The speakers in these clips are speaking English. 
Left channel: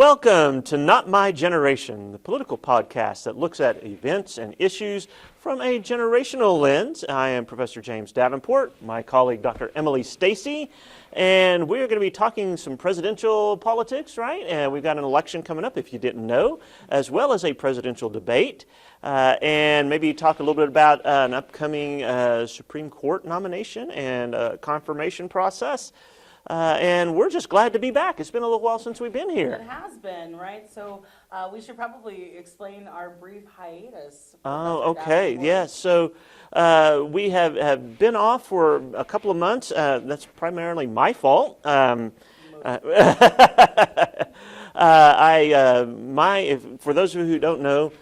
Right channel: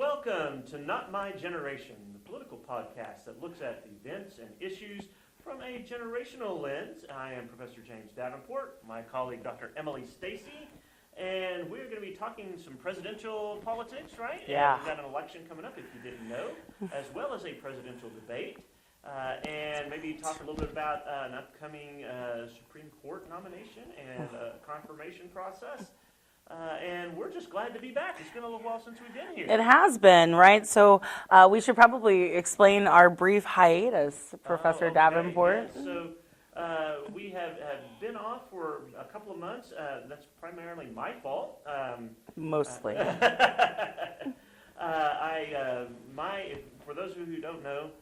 Welcome to Not My Generation, the political podcast that looks at events and issues from a generational lens. I am Professor James Davenport, my colleague Dr. Emily Stacey, and we're going to be talking some presidential politics, right? Yeah. And we've got an election coming up, if you didn't know, as well as a presidential debate. And maybe talk a little bit about an upcoming Supreme Court nomination and confirmation process. And we're just glad to be back. It's been a little while since we've been here. It has been, right? So we should probably explain our brief hiatus, Professor Davenport. Yes. So we have been off for a couple of months. That's primarily my fault. Mostly. For those of you who don't know,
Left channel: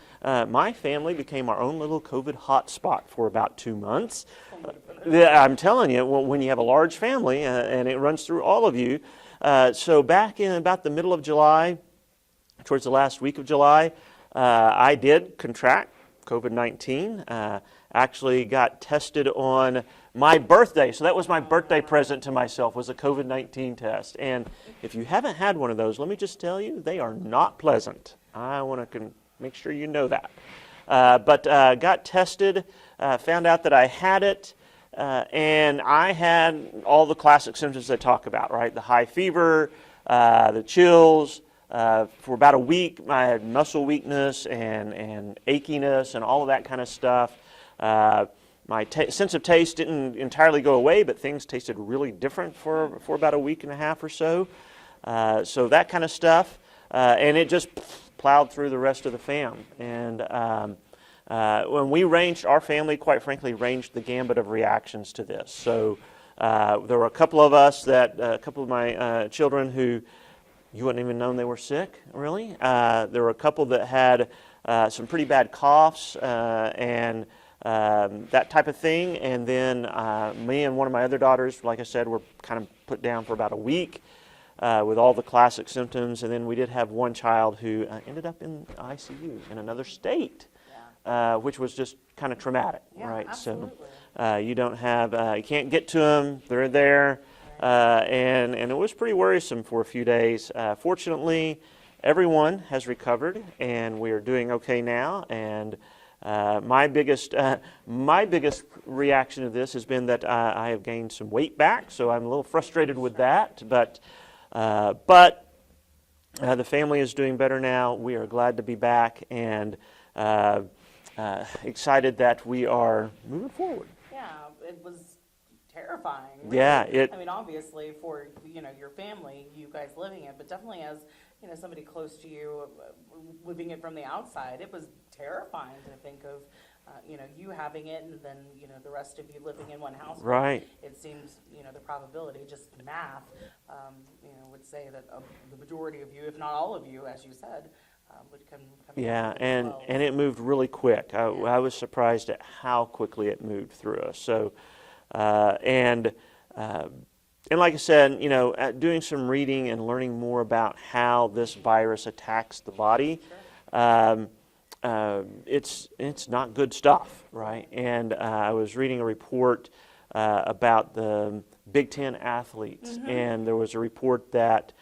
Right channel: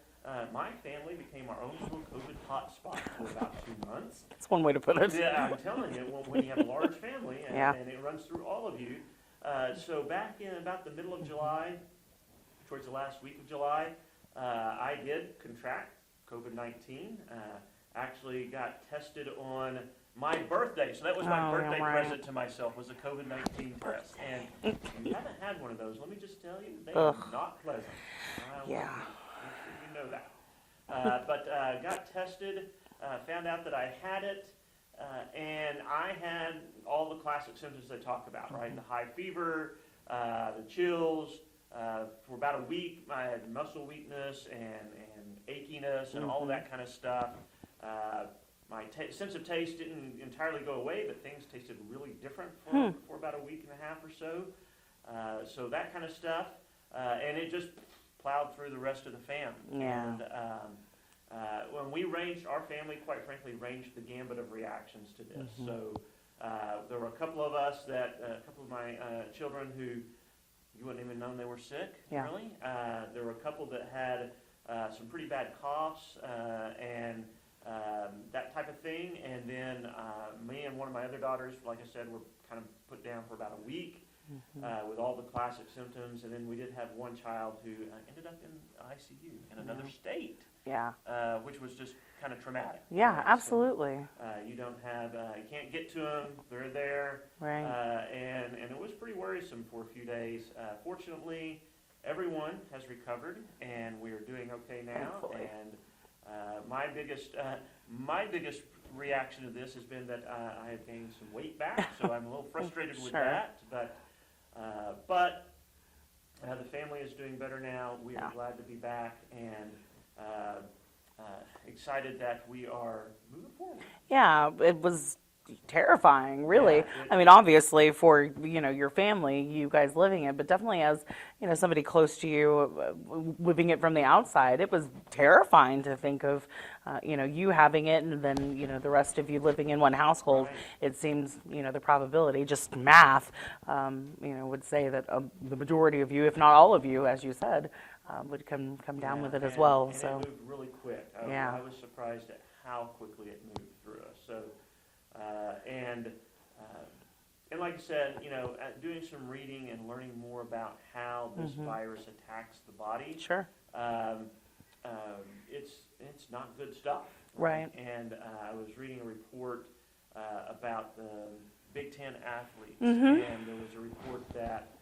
my family became our own little COVID hotspot for about 2 months. That's one way to put it. Yeah, I'm telling you, when you have a large family and it runs through all of you. So back in about the middle of July, towards the last week of July, I did contract COVID-19. Actually got tested on my birthday. So that was my birthday present to myself, was a COVID-19 test. And if you haven't had one of those, let me just tell you, they are not pleasant. I want to make sure you know that. But got tested, found out that I had it, and I had all the classic symptoms they talk about, right? The high fever, the chills. For about a week, I had muscle weakness and achiness and all of that kind of stuff. My sense of taste didn't entirely go away, but things tasted really different for about a week and a half or so. So that kind of stuff. And it just plowed through the rest of the fam. Yeah. And when we ranged, our family, quite frankly, ranged the gambit of reactions to this. So there were a couple of us a couple of my children who you wouldn't even known they were sick, really. There were a couple that had some pretty bad coughs and that type of thing. And then me and one of my other daughters, like I said, were kind of put down for about a week. With all the classic symptoms, and then we did have one child who ended up in ICU in another state, which was just kind of traumatic. Yeah, right? absolutely. So, you don't have, you can't get to them, they're there, Right. and it was pretty worrisome for a few days. Fortunately, everyone has recovered, and we are doing okay now, and my biggest reaction to this has been that I have gained some weight back, so I'm a little frustrated with that, but the family is doing better now. We are glad to be back and excited that we are moving forward. Yeah, it was terrifying, really. Yeah, I mean, obviously for your family, you guys living it, but definitely as somebody close to you, living it from the outside, it was terrifying to think of you having it, and then the rest of you living in one household. Right. It seems the probability, just math, would say that the majority of you, if not all of you, as you said, would come down with it as well. And it moved really quick. I was surprised at how quickly it moved through us. So. And like I said, doing some reading and learning more about how this virus attacks the body. Sure. It's not good stuff, right? Right. And I was reading a report about the Big Ten athletes, and there was a report that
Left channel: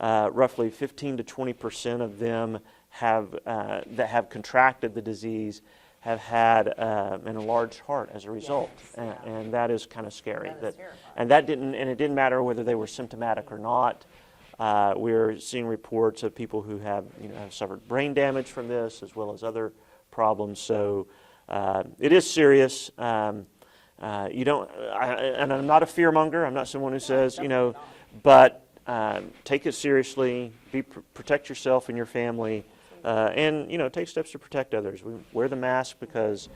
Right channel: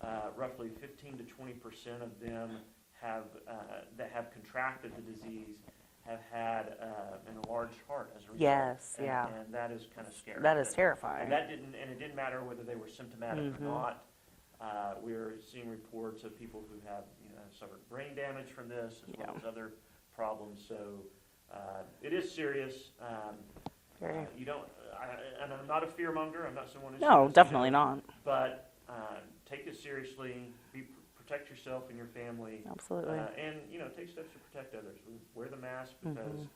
roughly 15 to 20% of them that have contracted the disease have had an enlarged heart as a result. Yes, and that is kind of scary. That is terrifying. And it didn't matter whether they were symptomatic or not. We're seeing reports of people who have suffered brain damage from this, as well as other problems. So it is serious. You don't, and I'm not a fearmonger. I'm not someone who says definitely not. But take it seriously. Protect yourself and your family. Absolutely. And take steps to protect others. We wear the mask because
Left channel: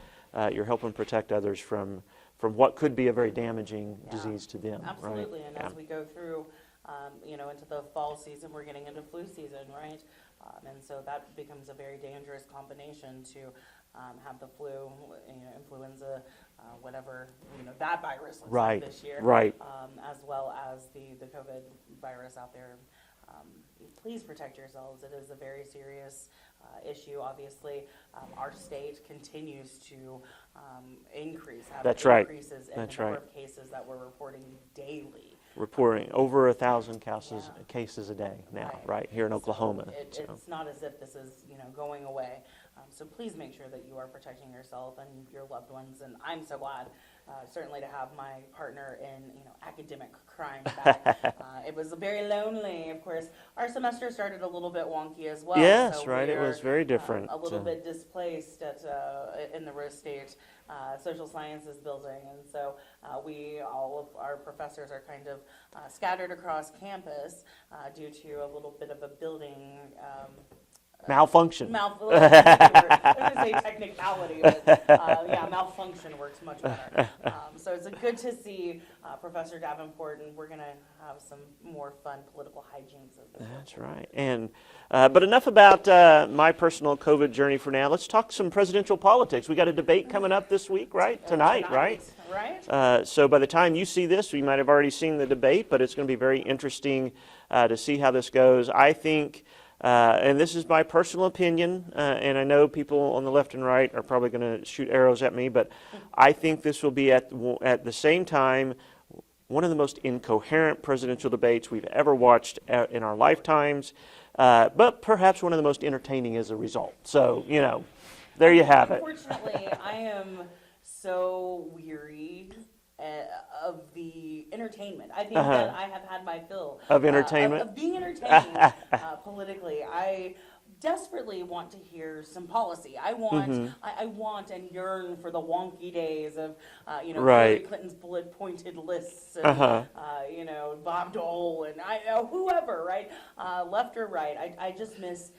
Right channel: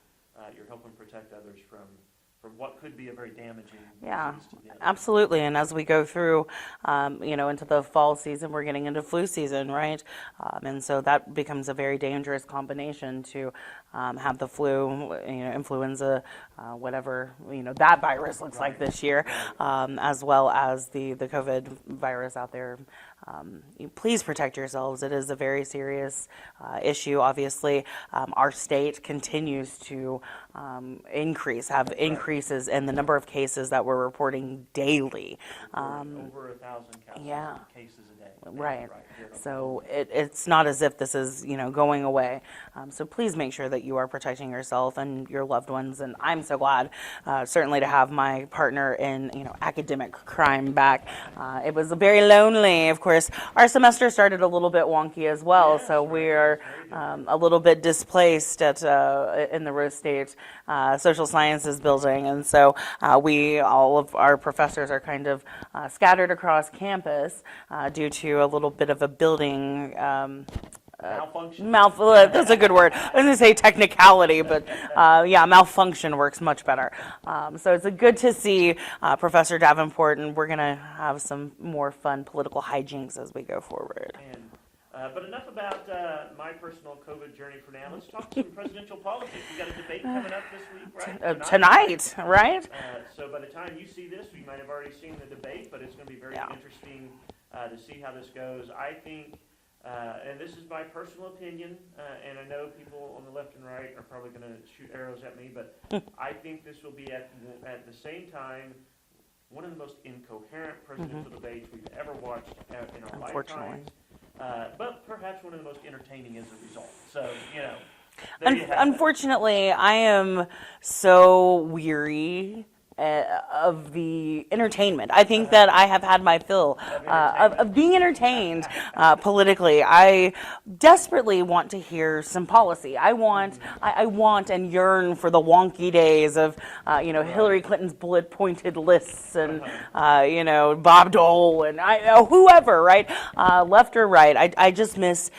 you're helping protect others from what could be a very damaging disease to them. Absolutely, and as we go through, into the fall season, we're getting into flu season, right? And so that becomes a very dangerous combination to have the flu, influenza, whatever that virus looks like Right, this year, right. as well as the COVID virus out there. Please protect yourselves. It is a very serious issue. Obviously, our state continues to have That's right. increases in the That's number right. of cases that we're reporting daily. Reporting over 1,000 Yeah. cases a day now, Right. here in Oklahoma. So it's not as if this is, going away. So please make sure that you are protecting yourself and your loved ones. And I'm so glad, certainly, to have my partner in, academic crime back. It was very lonely. Of course, our semester started a little bit wonky as well. Yes, so right. we It are was very different. a little bit displaced in the Rose State Social Sciences building. And so all of our professors are kind of scattered across campus due to a little bit of a building Malfunction. that's a good word. I was going to say technicality, but malfunction works much better. So it's good to see Professor Davenport, and we're going to have some more fun political hijinks as we go forward. And but enough about my personal COVID journey for now. Let's talk some presidential politics. We got a debate coming up this week, right? Tonight, right? So by the time you see this, we might have already seen the debate, but it's going to be very interesting to see how this goes. I think, and this is my personal opinion, and I know people on the left and right are probably going to shoot arrows at me, but I think this will be at the same time one of the most incoherent presidential debates we've ever watched in our lifetimes. But perhaps one of the most entertaining as a result. So, there you have it. Unfortunately, I am so weary of the entertainment. I think that I have had my fill Of entertainment? of being entertained politically. I desperately want to hear some policy. I want, I want and yearn for the wonky days of, Hillary Clinton's bullet-pointed lists and, Bob Dole and whoever, right, left or right. I just miss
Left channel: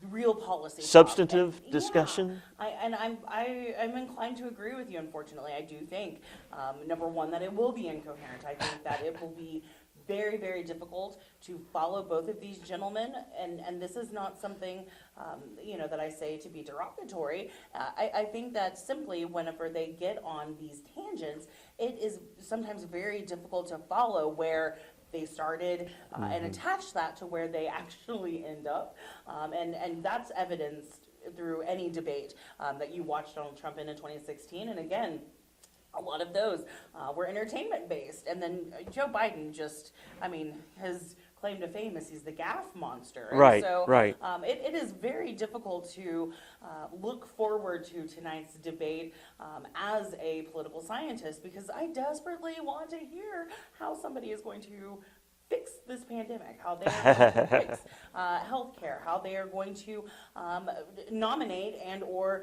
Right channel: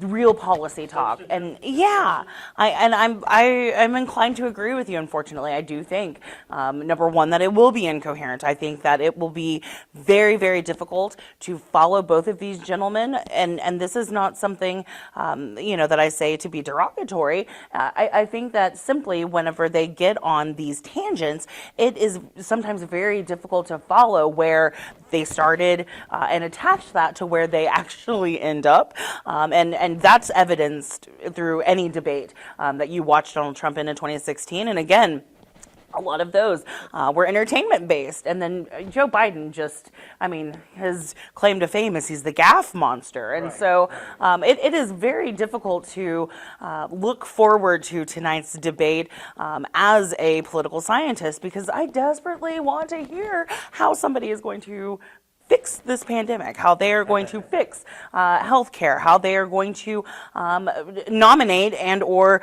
real policy talk. Substantive And discussion? I'm inclined to agree with you. Unfortunately, I do think number one that it will be incoherent. I think that it will be very, very difficult to follow both of these gentlemen, and this is not something that I say to be derogatory. I think that simply whenever they get on these tangents, it is sometimes very difficult to follow where they started and attach that to where they actually end up. And that's evidenced through any debate that you watched Donald Trump in 2016. And again, a lot of those were entertainment based. And then Joe Biden his claim to fame is he's the gaffe monster. And it is very difficult to look forward to tonight's debate as a political scientist, because I desperately want to hear how somebody is going to fix this pandemic, how they are going to fix healthcare, how they are going to nominate and or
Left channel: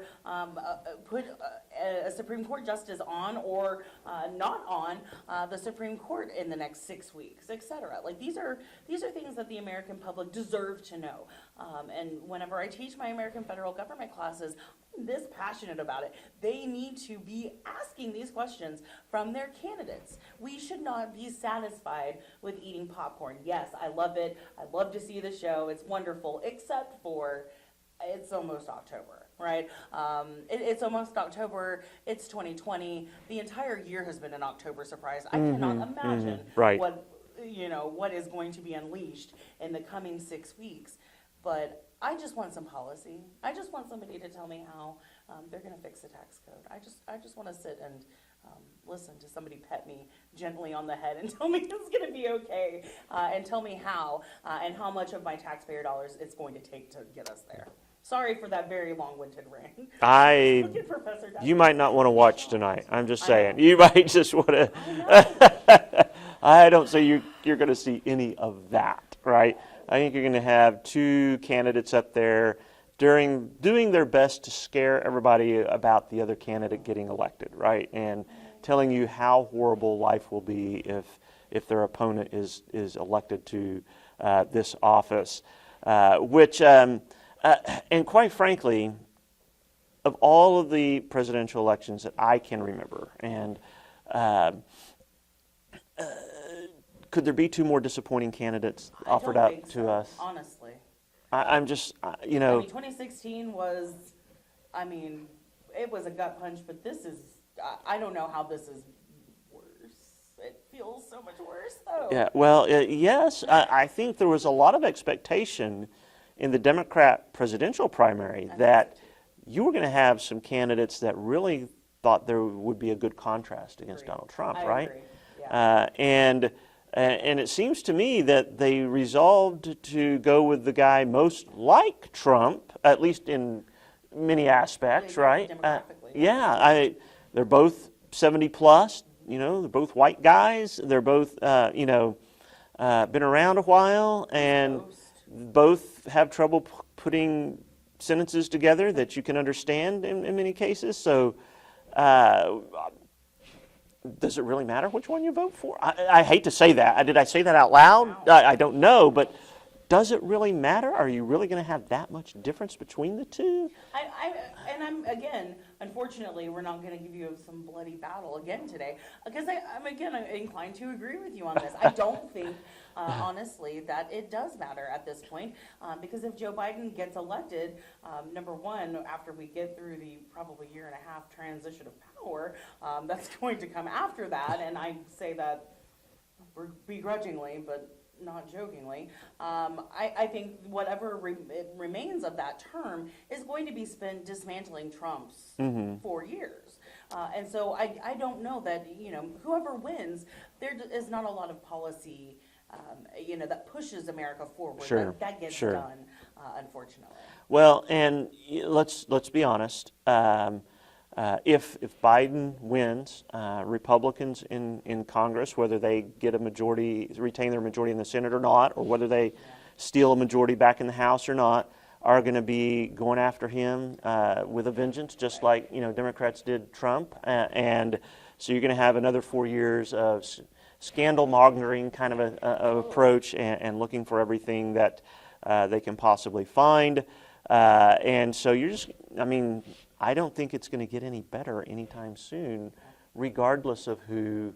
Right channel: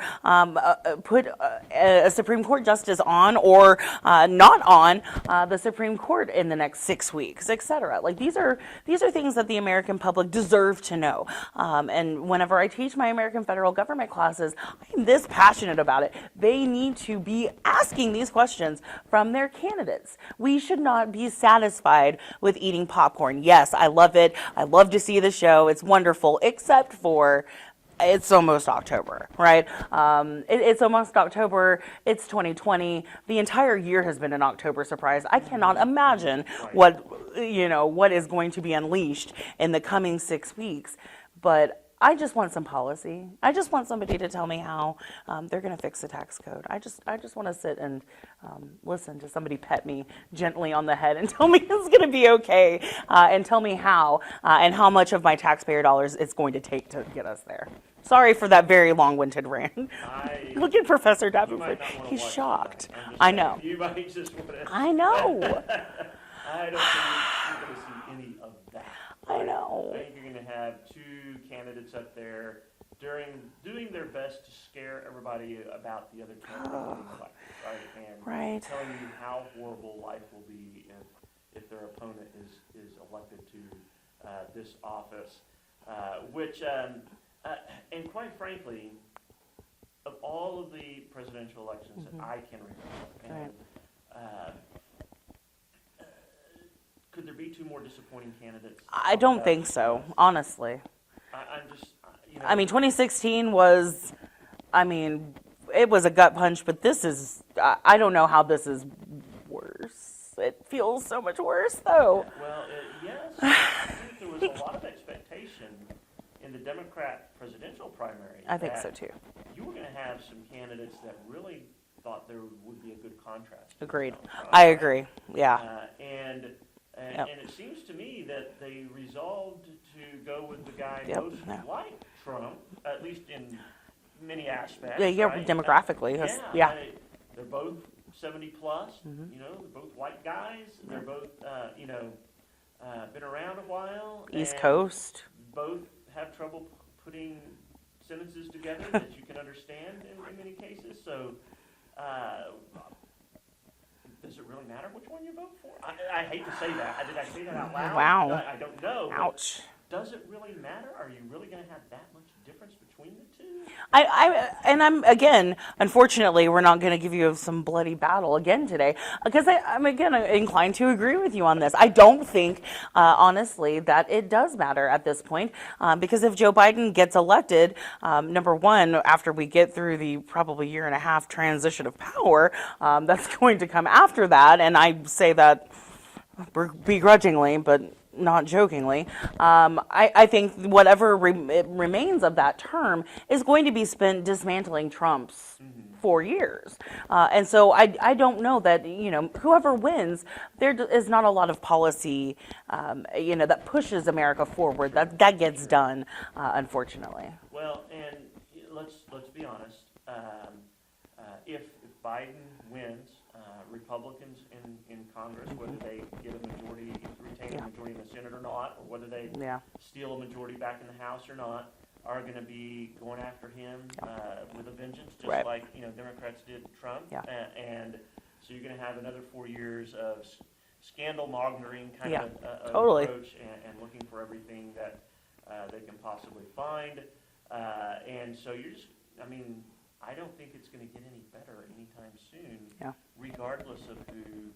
put a Supreme Court justice on or not on the Supreme Court in the next 6 weeks, etc. Like these are things that the American public deserve to know. And whenever I teach my American federal government classes, I'm this passionate about it. They need to be asking these questions from their candidates. We should not be satisfied with eating popcorn. Yes, I love it. I love to see the show. It's wonderful, except for it's almost October, right? It's almost October. It's 2020. The entire year has been an October surprise. I cannot imagine what is going to be unleashed in the coming 6 weeks. But I just want some policy. I just want somebody to tell me how they're going to fix the tax code. I just want to sit and listen to somebody pet me gently on the head and tell me it's going to be okay, and tell me how and how much of my taxpayer dollars it's going to take to get us there. Sorry for that very long-winded rant. Look at Professor Davenport. You might not want to watch shocked. tonight. I'm just saying. You might just want to. I know. I don't say you're going to see any of that, right? I think you're going to have two candidates up there doing their best to scare everybody about the other candidate getting elected, right? And telling you how horrible life will be if their opponent is elected to this office, which, and quite frankly, of all of the presidential elections that I can remember, and could there be two more disappointing candidates? I don't think so, honestly. I'm just, 2016 was, it was a gut punch, but this is I don't know how this is worse. It feels so much worse, though. Yeah, well, yes, I think there was a lot of expectation in the Democrat presidential primary I that think so too. you were going to have some candidates that really thought there would be a good contrast against Agreed. Donald Trump. I right? agree. Yeah. And it seems to me that they resolved to go with the guy most like Trump, at least in many aspects, Yeah, right? demographically. Yeah, they're both 70 plus. You know, they're both white guys. They're both, been around a while, East and Coast. both have trouble putting sentences together that you can understand in many cases. So, does it really matter which one you vote for? I hate to say that. Did I say that out loud? Wow. I don't know, but Ouch. does it really matter? Are you really going to have that much difference between the two? I'm again, unfortunately, we're not going to give you some bloody battle again today, because I'm again inclined to agree with you on this. I don't think, honestly, that it does matter at this point, because if Joe Biden gets elected, number one, after we get through the probably year and a half transition of power, that's going to come after that, and I say that begrudgingly, but not jokingly, I think whatever remains of that term is going to be spent dismantling Trump's 4 years. And so I don't know that, whoever wins, there is not a lot of policy, that pushes America forward. Sure, That gets sure. done, unfortunately. Well, and let's be honest. If Biden wins, Republicans in Congress, whether they get a majority, retain their majority in the Senate or not, or whether they steal a majority back in the House or not, are going to be going after him with a vengeance, just Right. like Democrats did Trump. Yeah. And so you're going to have another 4 years of scandal mongering kind of a Totally. approach, and looking for everything that they can possibly find. And so you're just, I don't think it's going to get any better anytime soon, regardless of who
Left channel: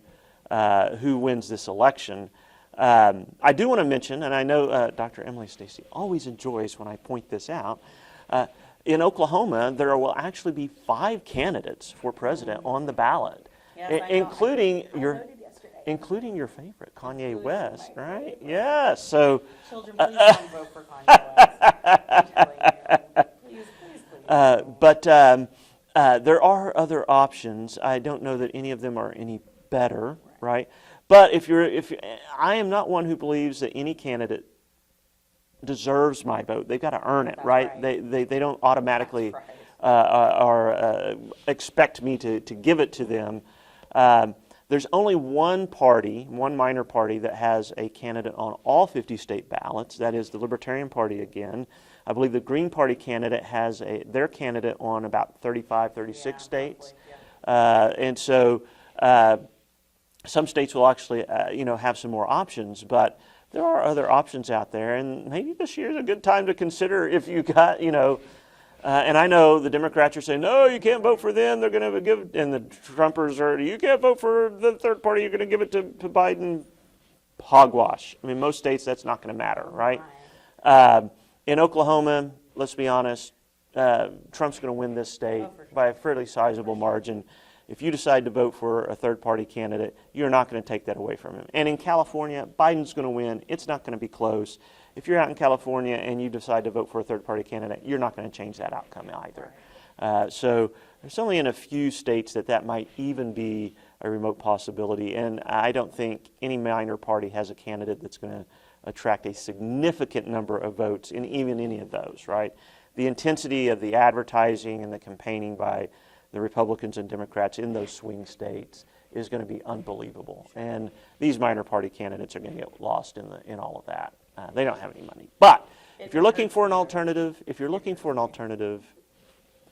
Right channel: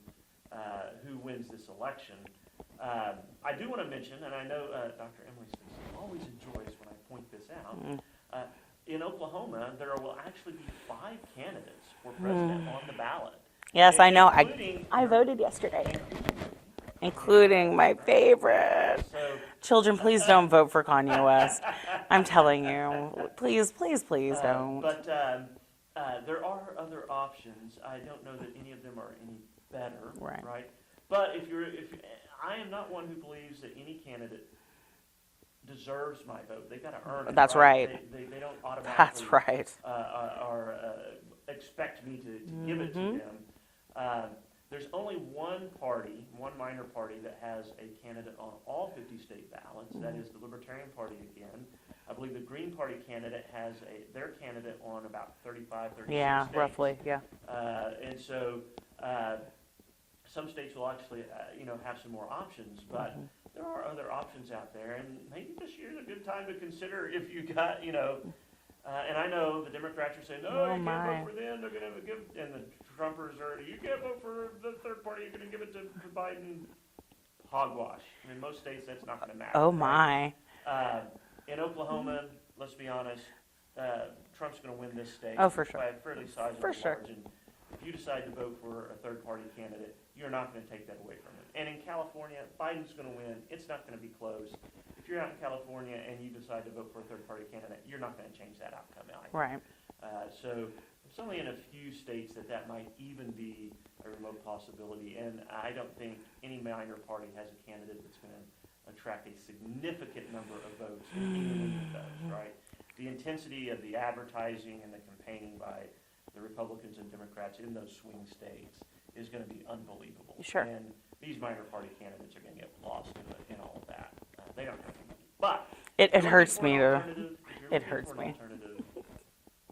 wins this election. I do want to mention, and I know Dr. Emily Stacey always enjoys when I point this out, in Oklahoma, there will actually be 5 candidates for president on the ballot. Yes, I know. Including I voted yesterday. Including your favorite, Kanye Including West, my right? favorite. Yeah, so... Children, please don't vote for Kanye West. I'm telling you. Please, please, please don't. But there are other options. I don't know that any of them are any better, right? But I am not one who believes that any candidate deserves my vote. They've got to earn it, That's right. They don't automatically That's right. or expect me to give it to them. There's only one minor party that has a candidate on all 50 state ballots. That is the Libertarian Party again. I believe the Green Party candidate has their candidate on about 35, 36 states. Roughly, yeah. And so some states will actually, have some more options, but there are other options out there, and maybe this year is a good time to consider if you got, and I know the Democrats are saying, no, you can't vote for them. They're going to give, and the Trumpers are, you can't vote for the third party. You're going to give it to Biden. Hogwash. Most states that's not going to matter, Oh right? my. In Oklahoma, let's be honest, Trump's going to win this state Oh, for sure. by a fairly sizable For sure. margin. If you decide to vote for a third-party candidate, you're not going to take that away from him. And in California, Biden's going to win. It's not going to be close. If you're out in California and you decide to vote for a third-party candidate, you're not going to change that outcome either. Right. So there's only in a few states that might even be a remote possibility. And I don't think any minor party has a candidate that's going to attract a significant number of votes in even any of those, right? The intensity of the advertising and the campaigning by the Republicans and Democrats in those swing states is going to be unbelievable. Sure. And these minor party candidates are going to get lost in all of that. They don't have any money. But if you're looking for an alternative,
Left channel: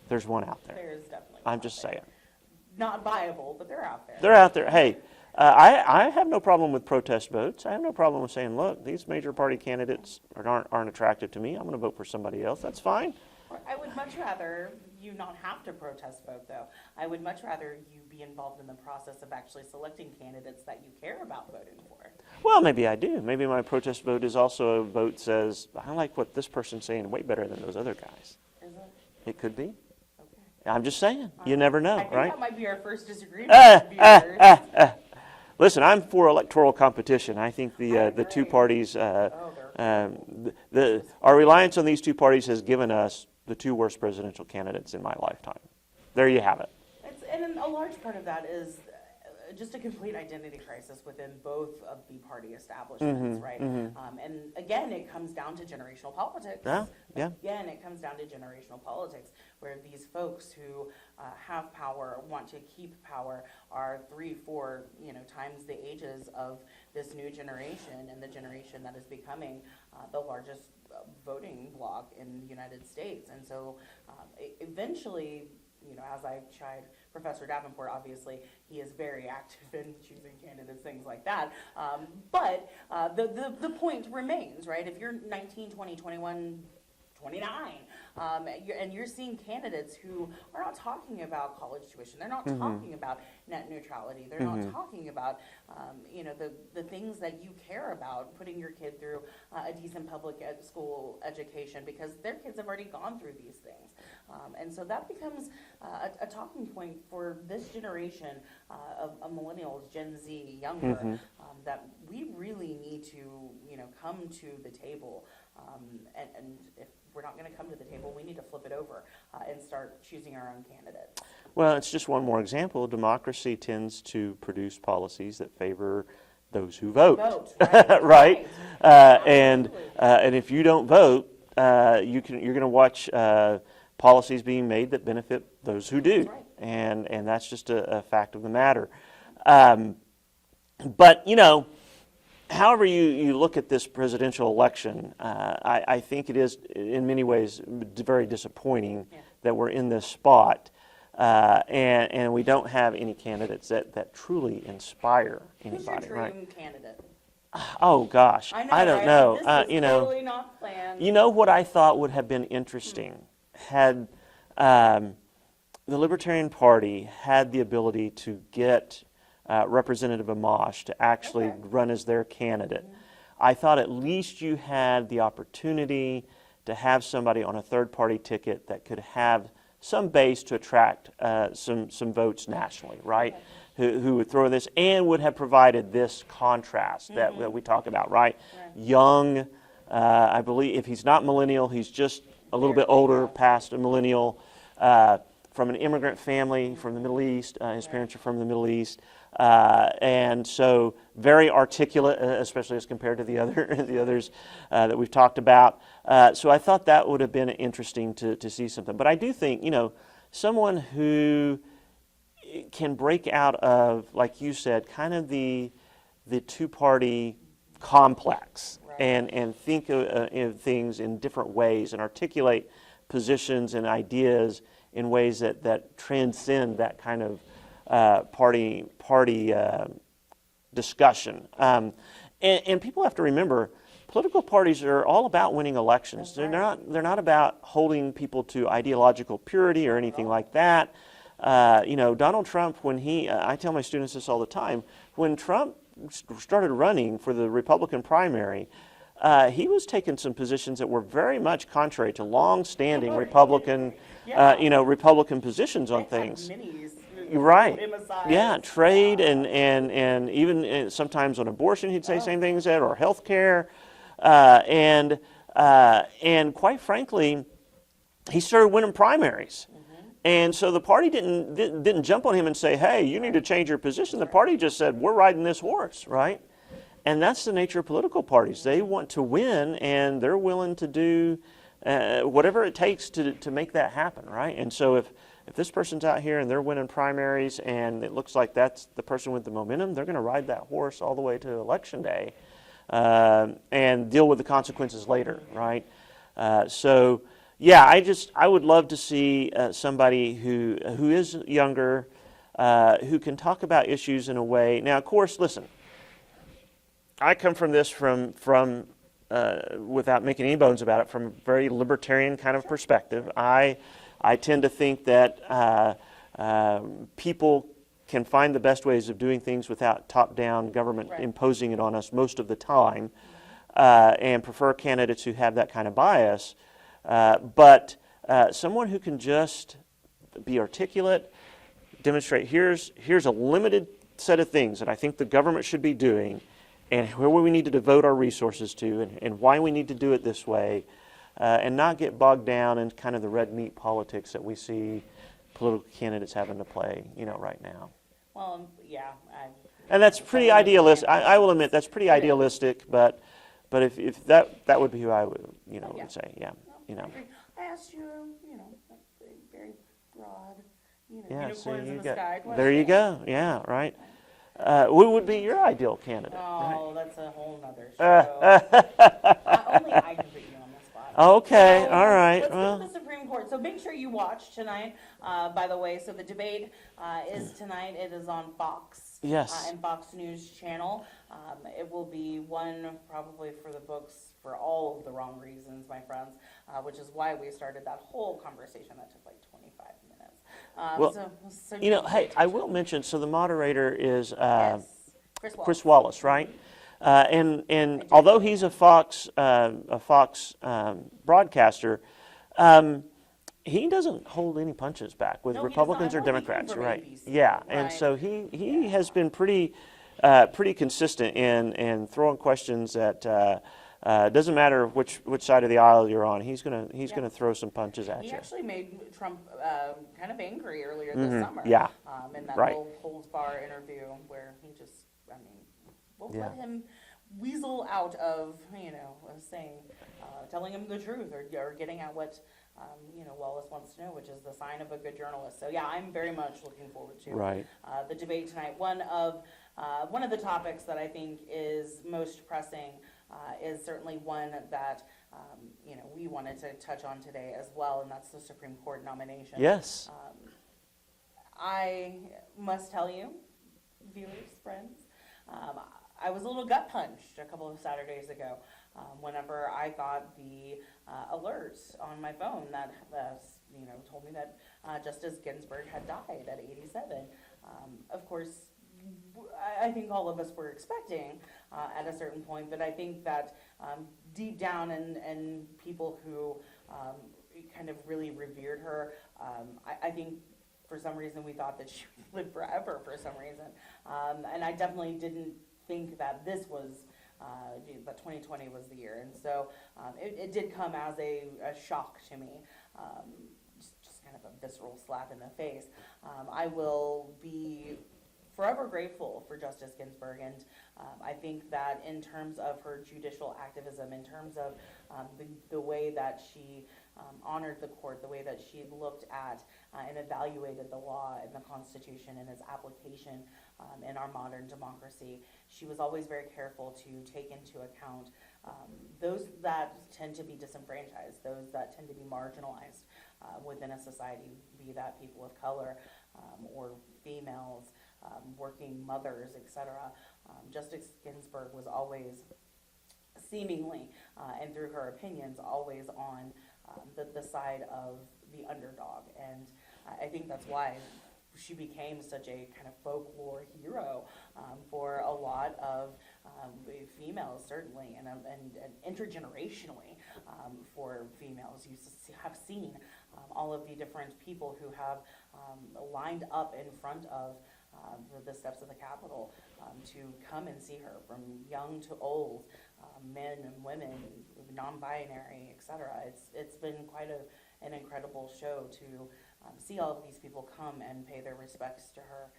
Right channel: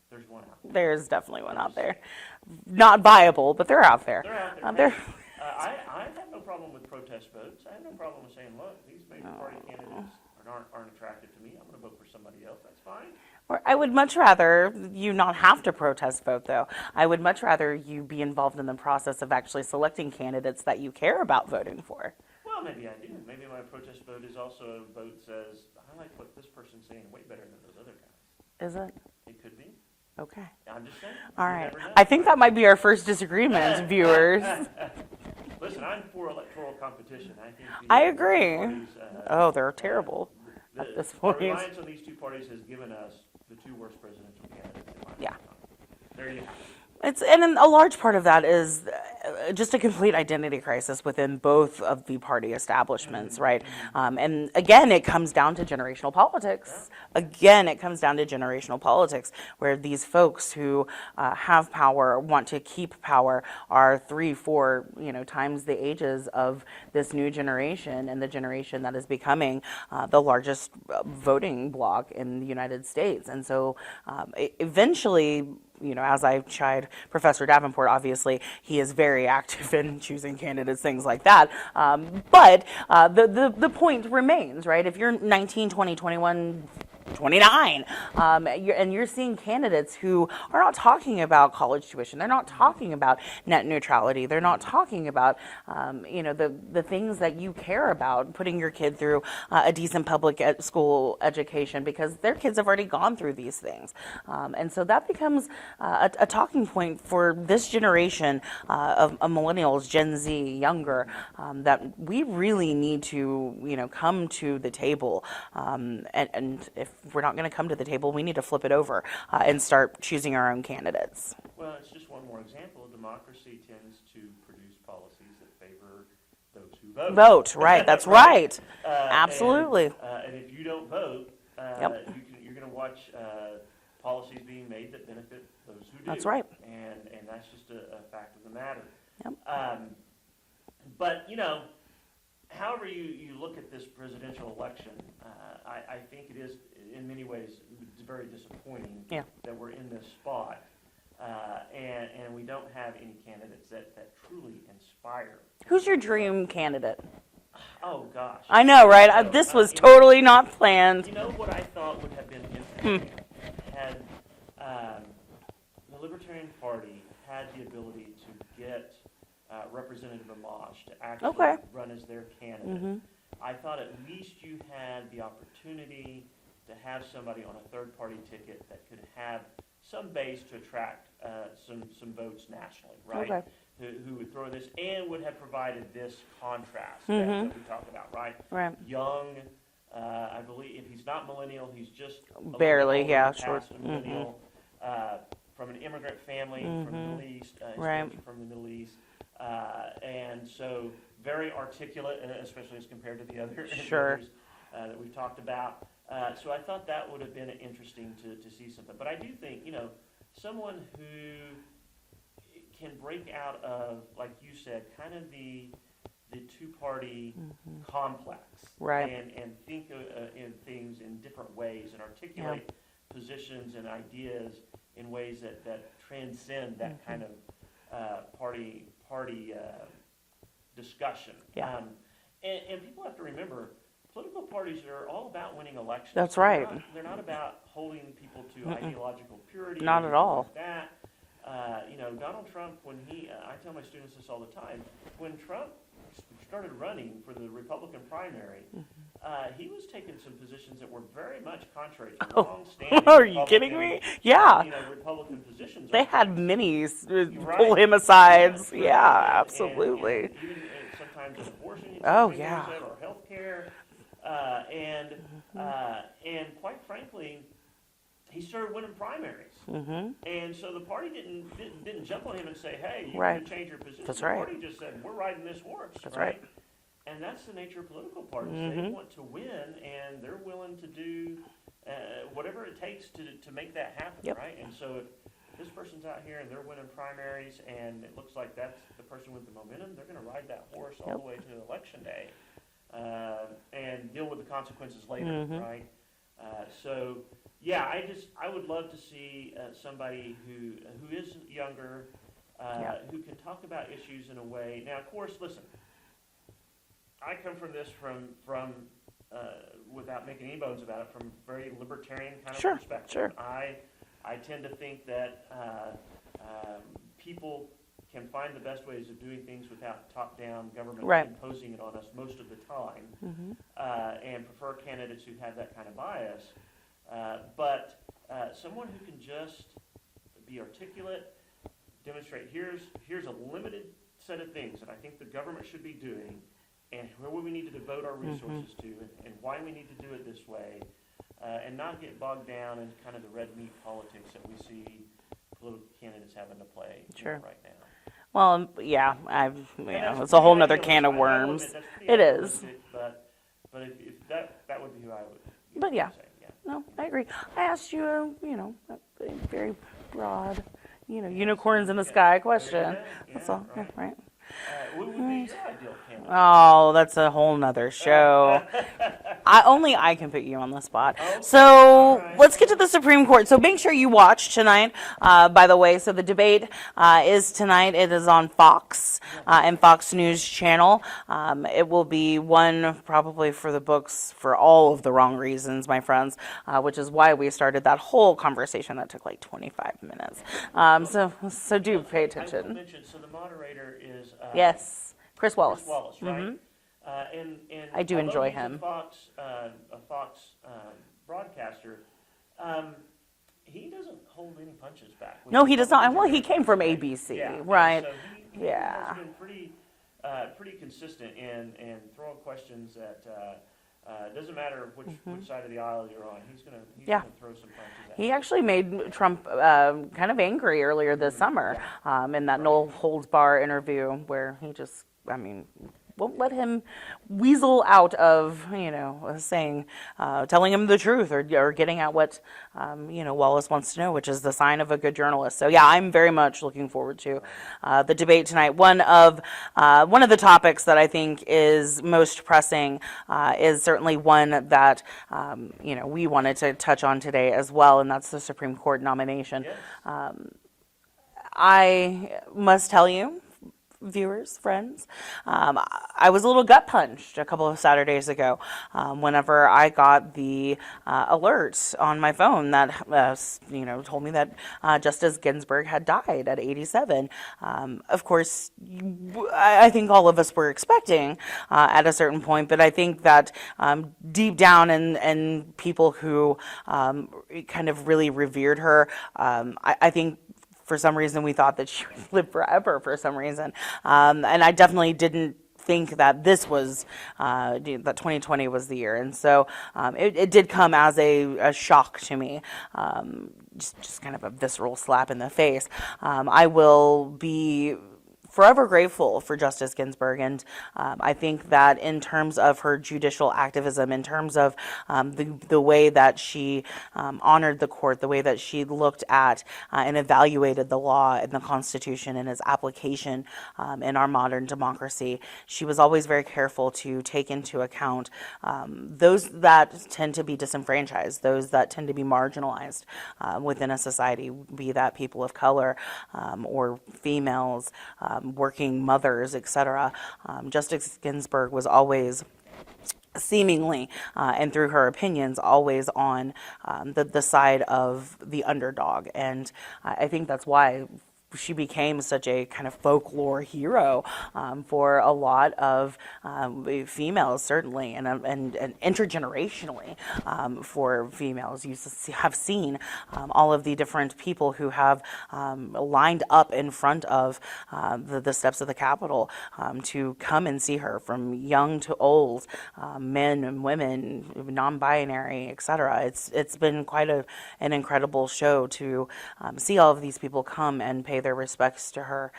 there's one out there. There's definitely one I'm out just there. saying. Not viable, but they're out there. They're out there. Hey, I have no problem with protest votes. I have no problem with saying, look, these major party candidates aren't attractive to me. I'm going to vote for somebody else. That's fine. Or I would much rather you not have to protest vote, though. I would much rather you be involved in the process of actually selecting candidates that you care about voting for. Well, maybe I do. Maybe my protest vote is also a vote says, I like what this person's saying way better than those other guys. Is it? It could be. Okay. I'm just saying. All You right. never know. I think right? that might be our first disagreement, viewers. Listen, I'm for electoral competition. I think the I the agree. two parties. Oh, they're terrible. That's Our funny. reliance on these two parties has given us the two worst presidential candidates in my lifetime. There you have it. And then a large part of that is just a complete identity crisis within both of the party establishments, right? And again, it comes down to generational politics. Yeah. Again, it comes down to generational politics, where these folks who have power, want to keep power, are 3, 4, times the ages of this new generation, and the generation that is becoming the largest voting bloc in the United States. And so eventually, as I've tried Professor Davenport, obviously, he is very active in choosing candidates, things like that. But the point remains, right? If you're 19, 20, 21, 29, and you're seeing candidates who are not talking about college tuition, they're not talking about net neutrality, they're not talking about the things that you care about, putting your kid through a decent public school education, because their kids have already gone through these things. And so that becomes a talking point for this generation of millennials, Gen Z, younger, that we really need to come to the table, and if we're not going to come to the table, we need to flip it over and start choosing our own candidates. Well, it's just one more example. Democracy tends to produce policies that favor those who vote. Vote, right? That's right. Absolutely. And if you don't vote, you're going to watch policies being made that benefit those who do. That's right. And that's just a fact of the matter. Yep. But however you look at this presidential election, I think it is in many ways very disappointing that we're in this spot, and we don't have any candidates that truly inspire. Who's your anybody, dream right? candidate? Oh gosh, I know, don't right? know. This was totally not planned. You know what I thought would have been interesting had the Libertarian Party had the ability to get Representative Amash to actually run as their candidate. I thought at least you had the opportunity to have somebody on a third-party ticket that could have some base to attract some votes nationally, right? Who would throw this and would have provided this contrast that we talk about, right? Young, I believe if he's not millennial, he's just a little bit older, past a millennial, from an immigrant family from the Middle East, his parents are from the Middle East. And so very articulate, especially as compared to the others that we've talked about. So I thought that would have been interesting to see something. But I do think, someone who can break out of, like you said, kind of the two-party complex and think of things in different ways and articulate positions and ideas in ways that transcend that kind of party discussion. And people have to remember, political parties are all about winning elections. That's right. They're not about holding people to ideological purity or anything like that. Donald Trump, when I tell my students this all the time, when Trump started running for the Republican primary, he was taking some positions that were very much contrary to long-standing Republican, Republican positions on things. They had many pull him aside. Yeah, trade and even sometimes on abortion he'd say same things or health care. And quite frankly, he started winning primaries. And so the party didn't jump on him and say, hey, you need to change your position. The party just said, we're riding this horse, right? And that's the nature of political parties. They want to win, and they're willing to do whatever it takes to make that happen, right? And so if this person's out here and they're winning primaries and it looks like that's the person with the momentum, they're going to ride that horse all the way to Election Day and deal with the consequences later, right? So, yeah, I would love to see somebody who is younger, who can talk about issues in a way. Now, of course, listen, I come from this from without making any bones about it, from a very libertarian kind of perspective. I tend to think that people can find the best ways of doing things without top-down government imposing it on us most of the time, and prefer candidates who have that kind of bias. But someone who can just be articulate, demonstrate here's a limited set of things that I think the government should be doing, and where we need to devote our resources to, and why we need to do it this way, and not get bogged down in kind of the red meat politics that we see political candidates having to play, right now. Well, yeah, And that's it's a pretty whole nother idealistic. can of I will worms. admit that's pretty It is. idealistic, but if that would be who I would, But yeah. would say, yeah. No, you know. I agree. I asked you a very broad, Yeah, unicorns so in the you sky got- question. There you go. Yeah, So, right. Right. Who would be your ideal candidate? Oh, that's a whole nother show. Only I can put you on the spot. Okay, So all right, let's get to well. the Supreme Court. So make sure you watch tonight, by the way. So the debate is tonight. It is on Fox Yes. and Fox News Channel. It will be one probably for the books for all of the wrong reasons, my friends, which is why we started that whole conversation that took like 25 minutes. So do pay Hey, I attention. will mention, so the moderator is Yes, Chris Wallace. Chris Wallace, right? And I do although enjoy he's him. a Fox broadcaster, he doesn't hold any punches back. With No, he does not. Republicans or Well, he came Democrats, from right? ABC, Yeah, right. And so he Yeah. has been pretty consistent in throwing questions that. Doesn't matter which side of the aisle you're on. He's gonna throw some punches at you. He actually made Trump kind of angry earlier this summer. Yeah. In that Right. no holds bar interview where he just, won't let him weasel out of, saying, telling him the truth or getting at what, Wallace wants to know, which is the sign of a good journalist. So yeah, I'm very much looking forward to the debate tonight. One of the topics that I think is most pressing is certainly one that, we wanted to touch on today as well, and that's the Supreme Court nomination. Yes. I must tell you, viewers, friends, I was a little gut punched a couple of Saturdays ago whenever I got the alert on my phone that told me that Justice Ginsburg had died at 87. Of course, I think all of us were expecting at a certain point, but I think that deep down in people who kind of really revered her, I think for some reason we thought that she would live forever for some reason. And I definitely didn't think that this was, that 2020 was the year. And so it did come as a shock to me, just kind of a visceral slap in the face. I will be forever grateful for Justice Ginsburg, and I think that in terms of her judicial activism, in terms of the way that she honored the court, the way that she looked at and evaluated the law and the Constitution and its application in our modern democracy, she was always very careful to take into account those that tend to be disenfranchised, those that tend to be marginalized within a society, be that people of color or females, working mothers, etc. Justice Ginsburg was always seemingly, and through her opinions, always on the side of the underdog. And I think that's why she became such a kind of folklore hero for a lot of females, certainly, and intergenerationally for females. You have seen all of the different people who have lined up in front of the steps of the Capitol to come and see her, from young to old, men and women, non-binary, etc. It's been quite an incredible show to see all of these people come and pay their respects to her.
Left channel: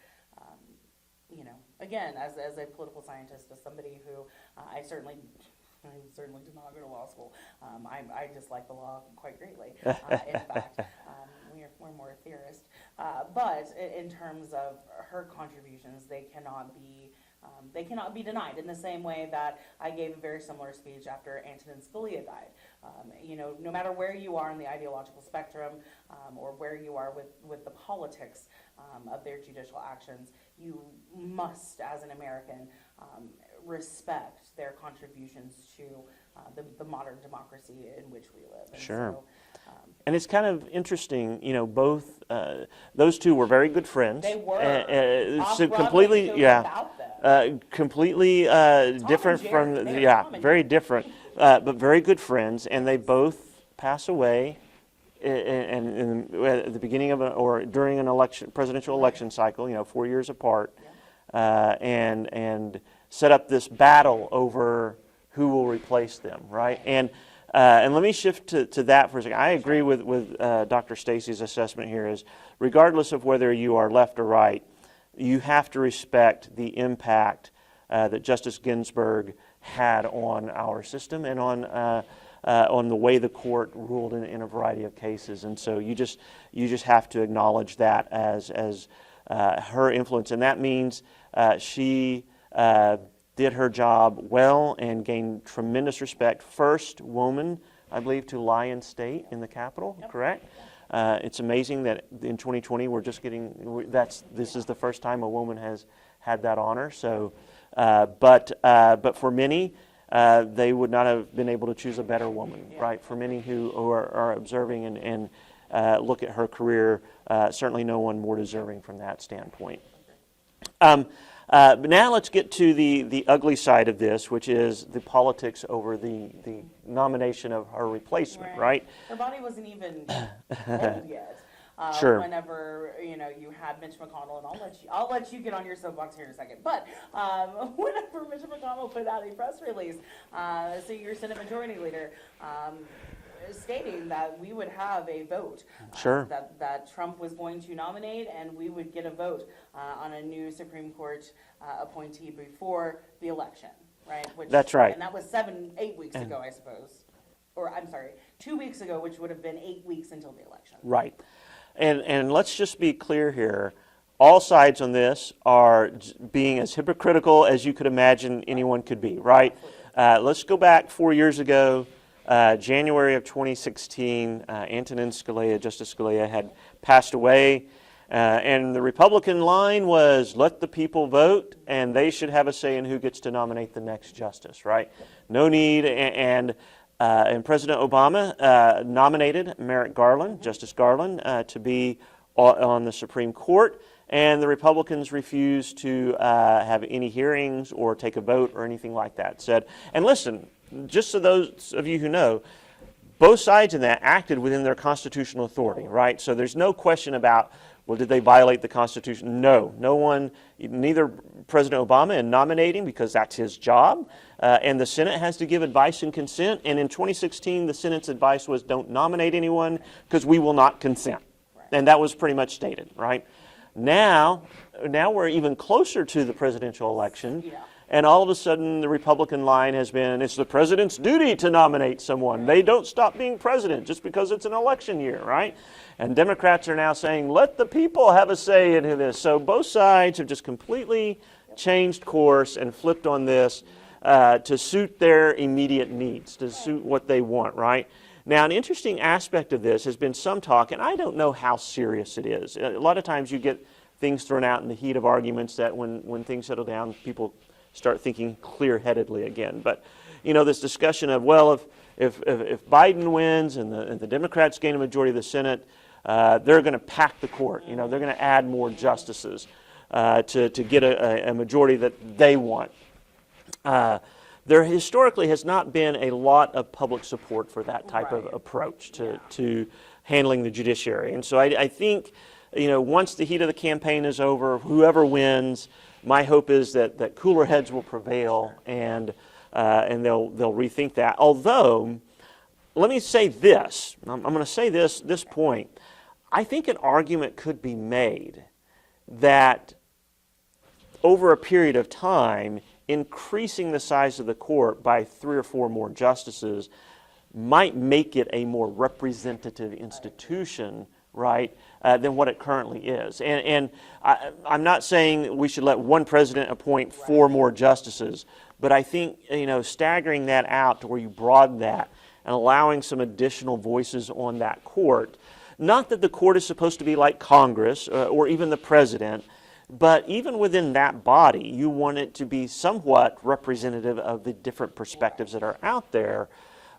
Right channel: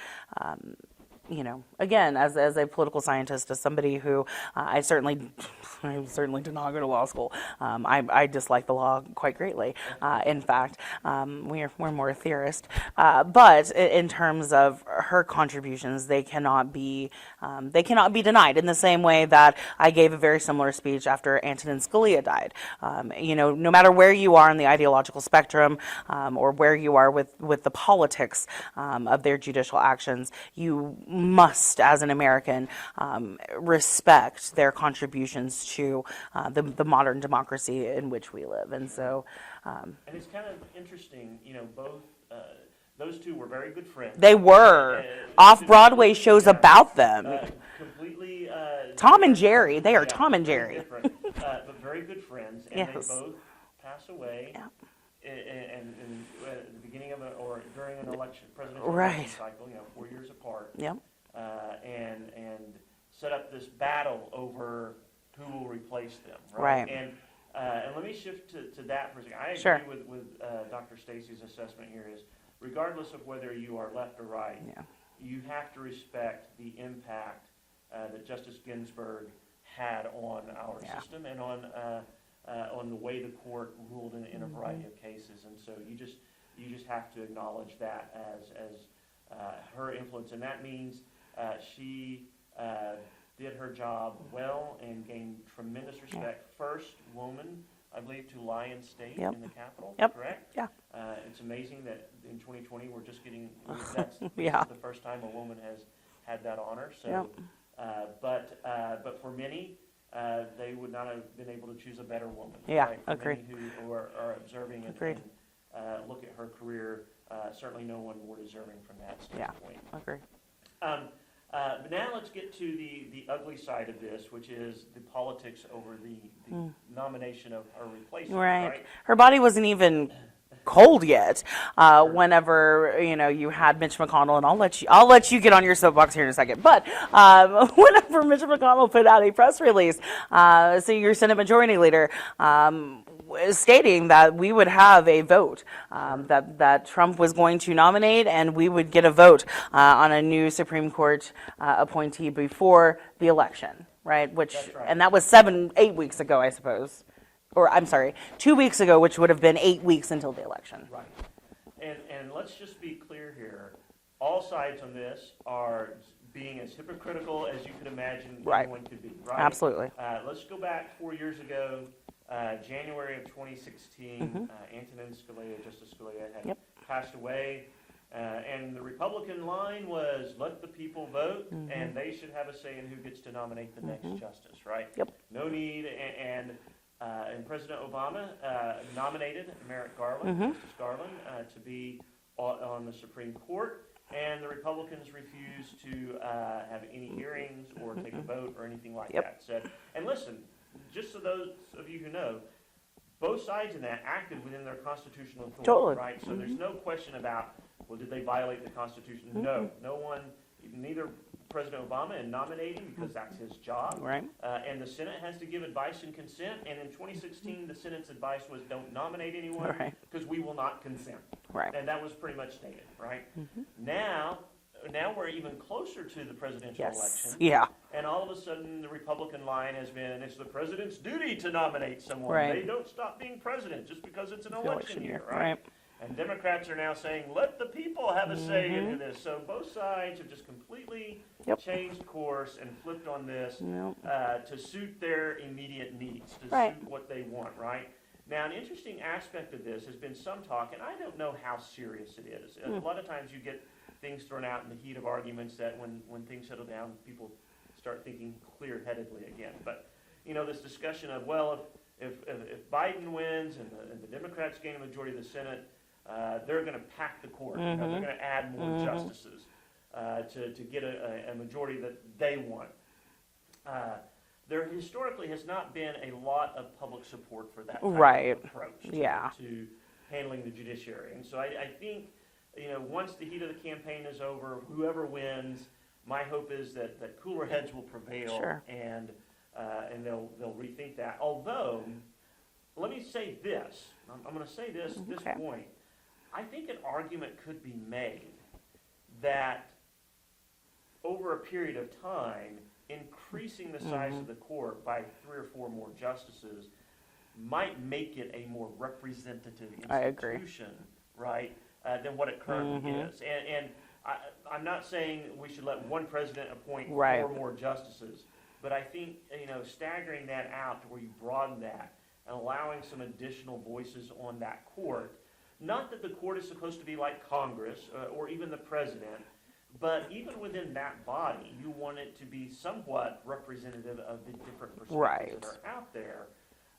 Again, as a political scientist, as somebody who I certainly did not go to law school. I dislike the law quite greatly. In fact, we're more theorist. But in terms of her contributions, they cannot be denied. In the same way that I gave a very similar speech after Antonin Scalia died. No matter where you are in the ideological spectrum, or where you are with the politics of their judicial actions, you must, as an American, respect their contributions to the modern democracy in which we live. And Sure. And it's kind of interesting, both those two were very good friends. They were. Off-Broadway shows about them. Completely Tom and different Jerry. from- They are Tom and very Jerry. different, but very good friends, and they Yes. both pass away. and at the beginning of or during an election, presidential election cycle, 4 years apart, Yeah. and set up this battle over who will replace them, right? Right. And let me shift to that for a second. I agree Sure. with Dr. Stacey's assessment here is, regardless of whether you are left or right, you have to respect the impact that Justice Ginsburg had on our system and on the way the court ruled in a variety of cases. And so you just have to acknowledge that as her influence, and that means she did her job well and gained tremendous respect. First woman, I believe, to lie in state in the Capitol, correct? Yeah. It's amazing that in 2020 we're just getting, this is the first time a woman has had that honor. So, but for many, they would not have been able to choose a better woman, right? For many who are observing and look at her career, certainly no one more deserving from that standpoint. Yeah, agree. But now let's get to the ugly side of this, which is the politics over the nomination of her replacement, right? Her body wasn't even cold yet. Sure. Whenever you had Mitch McConnell, and I'll let you get on your soapbox here in a second. But whenever Mitch McConnell put out a press release, so your Senate Majority Leader. Stating that we would have a vote, that Trump was going to nominate, and we would get a vote on a new Supreme Court appointee before the election, right? That's right. And that was 8 weeks ago, I suppose. Or, I'm sorry, 2 weeks ago, which would have been 8 weeks until the election. Right. And let's just be clear here. All sides on this are being as hypocritical as you could imagine anyone could be, right? Absolutely. Let's go back 4 years ago. January of 2016, Antonin Scalia, Justice Scalia, had passed away, and the Republican line was, let the people vote, and they should have a say in who gets to nominate the next justice, right? No need, and President Obama nominated Merrick Garland, Justice Garland, to be on the Supreme Court, and the Republicans refused to have any hearings or take a vote or anything like that. And listen, just so those of you who know, both sides in that acted within their constitutional authority, right? So there's no question about, well, did they violate the Constitution? No one, neither President Obama in nominating, because that's his job, and the Senate has to give advice and consent. And in 2016, the Senate's advice was, don't nominate anyone because we will not consent. And that was pretty much stated, right? Now we're even closer to the presidential election. And all of a sudden, the Republican line has been, it's the president's duty to nominate someone. They don't stop being president just because it's an election year, right? And Democrats are now saying, let the people have a say into this. So both sides have just completely changed course and flipped on this to suit their immediate needs, to suit what they want, right? Now, an interesting aspect of this has been some talk, and I don't know how serious it is. A lot of times you get things thrown out in the heat of arguments that when things settle down, people start thinking clear-headedly again. But, this discussion of, well, if Biden wins and the Democrats gain a majority of the Senate, they're going to pack the court. They're going to add more justices to get a majority that they want. There historically has not been a lot of public support for that type of approach to handling the judiciary. And so I think, once the heat of the campaign is over, whoever wins, my hope is that cooler heads will prevail and they'll rethink that. Although, let me say this. I'm going to say this point. I think an argument could be made that over a period of time, increasing the size of the court by 3 or 4 more justices might make it a more representative institution, right, than what it currently is. And I'm not saying we should let one president appoint 4 more justices, but I think, staggering that out to where you broaden that and allowing some additional voices on that court, not that the court is supposed to be like Congress or even the president, but even within that body, you want it to be somewhat representative of the different perspectives that are out there.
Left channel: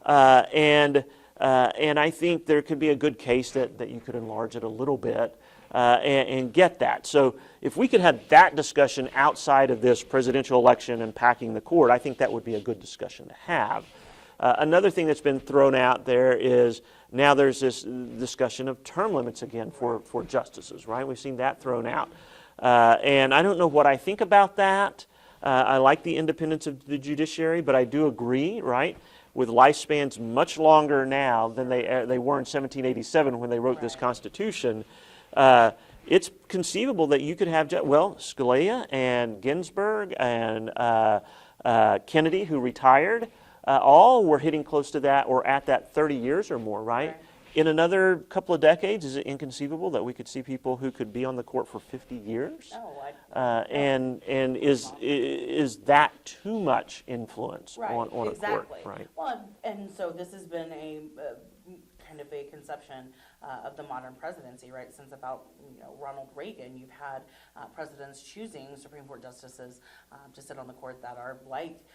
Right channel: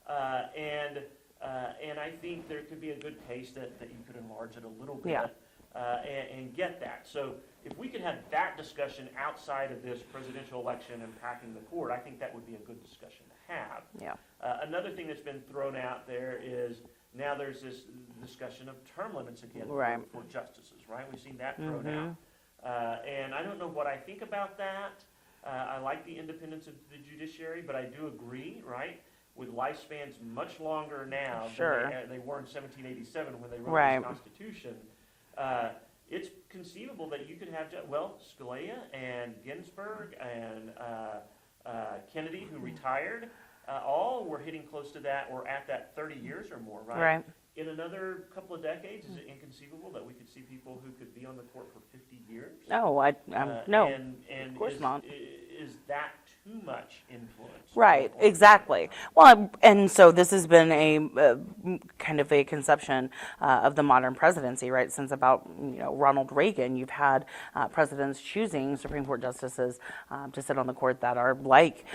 And I think there could be a good case that you could enlarge it a little bit and get that. So if we could have that discussion outside of this presidential election and packing the court, I think that would be a good discussion to have. Another thing that's been thrown out there is now there's this discussion of term limits again Right. for justices, right? We've seen that thrown out. And I don't know what I think about that. I like the independence of the judiciary, but I do agree, right, with lifespans much longer now Sure. than they were in 1787 when they wrote this Right. Constitution. It's conceivable that you could have, Scalia and Ginsburg and Kennedy, who retired, all were hitting close to that or at that 30 years or more, right? Right. In another couple of decades, is it inconceivable that we could see people who could be on the court for 50 years? No, no. And course not. is that too much influence? Right, on a court, exactly. right? Well, and so this has been a kind of a conception of the modern presidency, right? Since about Ronald Reagan, you've had presidents choosing Supreme Court justices to sit on the court that are like